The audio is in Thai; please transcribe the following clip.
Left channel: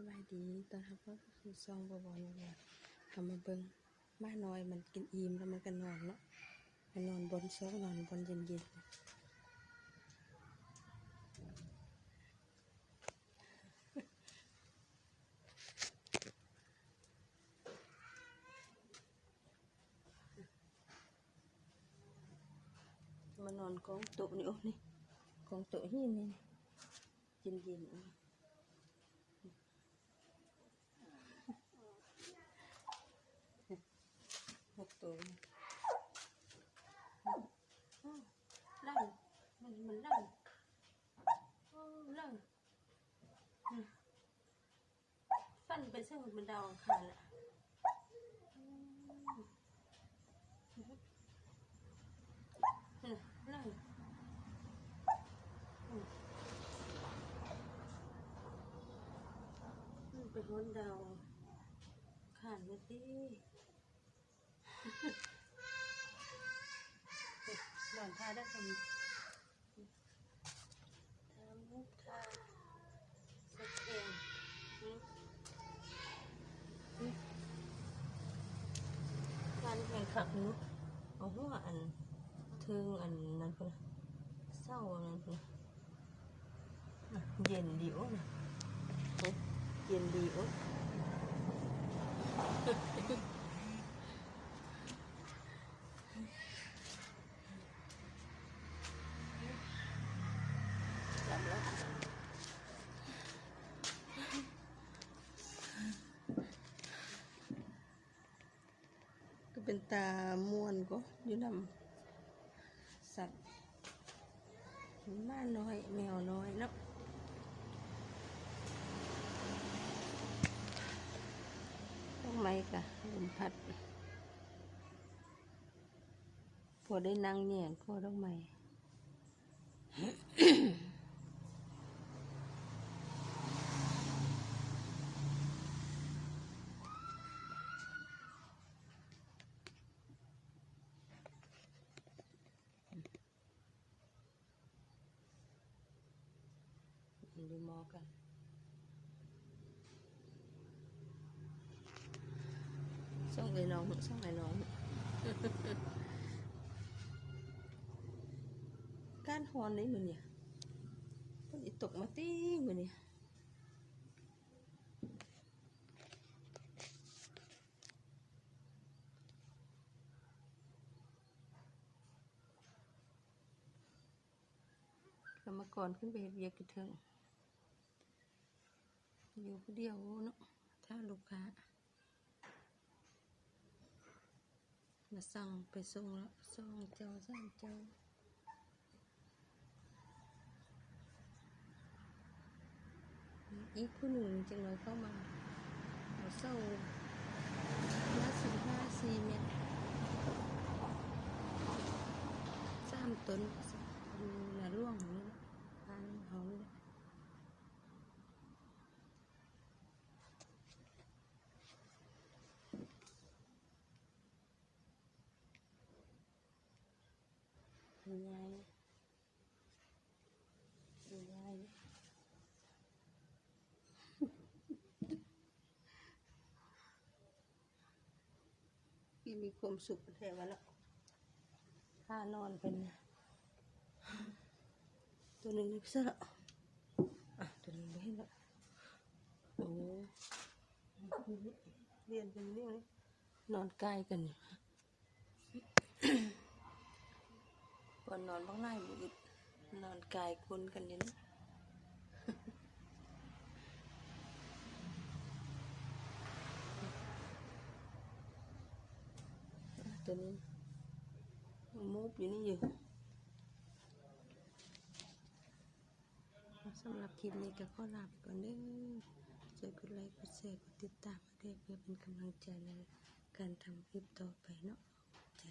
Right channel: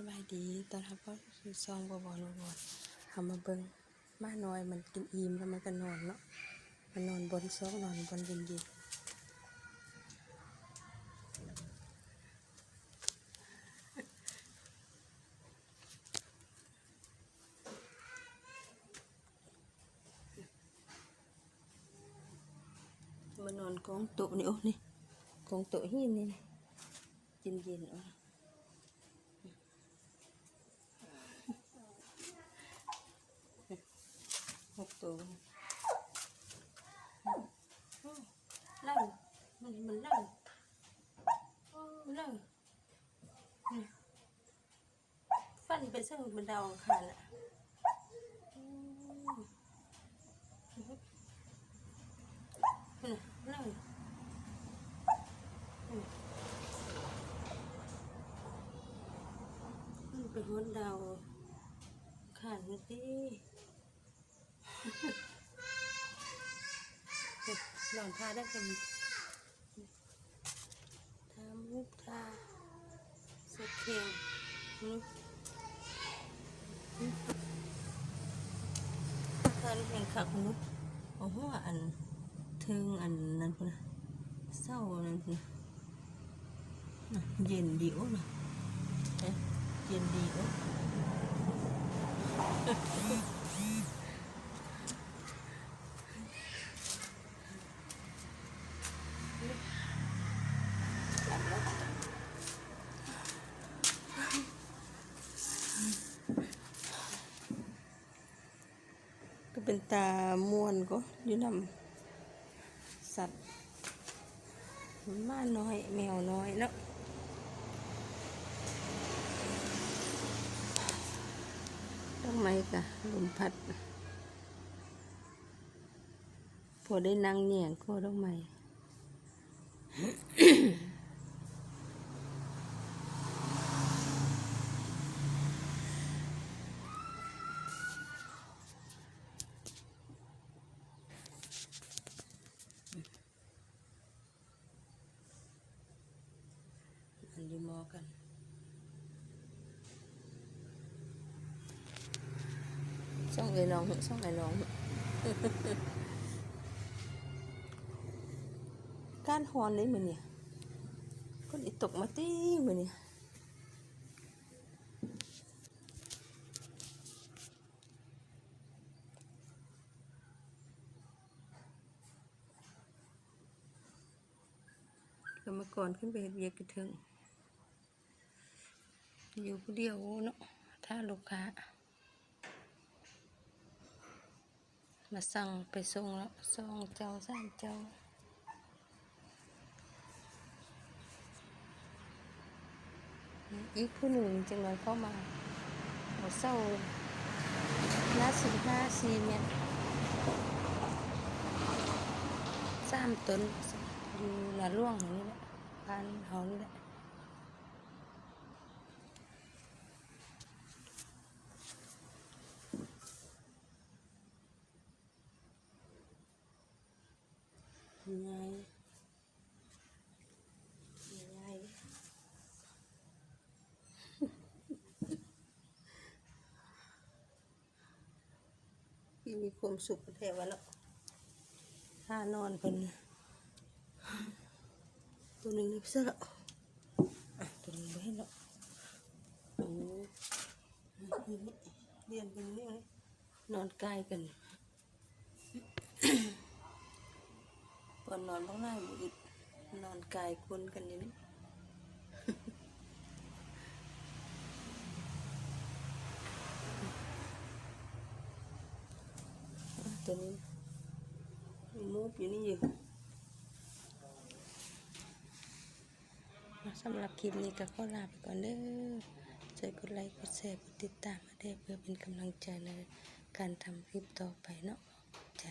สบายดีตอนรับก็คือซองบอนทำมาเบิ้งมาน้อยมันกินอิ่มแล้วมันก็นอนเนาะมันนอนบนซอกนอนบนเย็นๆมันนอนกองโต๊ะนี่โอ้นี่กองโต๊ะหินนี่เย็นๆอ่ะหกตัวลั่นมันลั่นลั่นฟันไปซึ่งมันดาวค่ะลั่นมันเป็นหัวดาวขาดมาดิหลอนพาได้กันทำท่าสะเก็ดการแข่งขันนุ๊กเอาหัวอันถึงอันนั้นพุ่นเศร้านั้นพุ่นเย็นดีโอ้นะเย็นดีโอ้ก็เป็นตาม่วนก็อยู่นำสัตว์ม้าน้อยแมวน้อยแล้วต้องไหมกะลมพัดพอได้นั่งเนี่ยก็ต้องไหมอันนี้มอกันช่องไอ้น้องช่องไอ้น้องการฮอนเลยมือเนี่ยก็ได้ตกมาตีมือเนี่ยกรรมกรขึ้นไปเรียกกระเทิงอยู่ผู้เดียวเนาะถ้าลูกค้ามาสั่งไปส่งแล้ว2 เจ้า 3 เจ้าอีกผู้หนึ่งจะมาเข้ามาหัวเศร้าหน้า4 เมตร3 ต้นอยู่หน้าร่วงนี่แหละบ้านเขานี่แหละยายพี่มีความสุขแท้วะเนาะท่านอนเป็นตัวหนึ่งนี่เสื้อตัวหนึ่งไม่ให้เนาะโอ้เรียนเป็นนี่ไงนอนใกล้กันก่อนนอนบ้างไงบุอิดนอนกายคนกันนี่ตัวนี้มูฟอยู่นี่อยู่สำหรับคลิปนี้ก็ขอลาไปก่อนเด้อช่วยกดไลค์กดแชร์กดติดตามมาได้เพื่อเป็นกำลังใจในการทำคลิปต่อไปเนาะใจ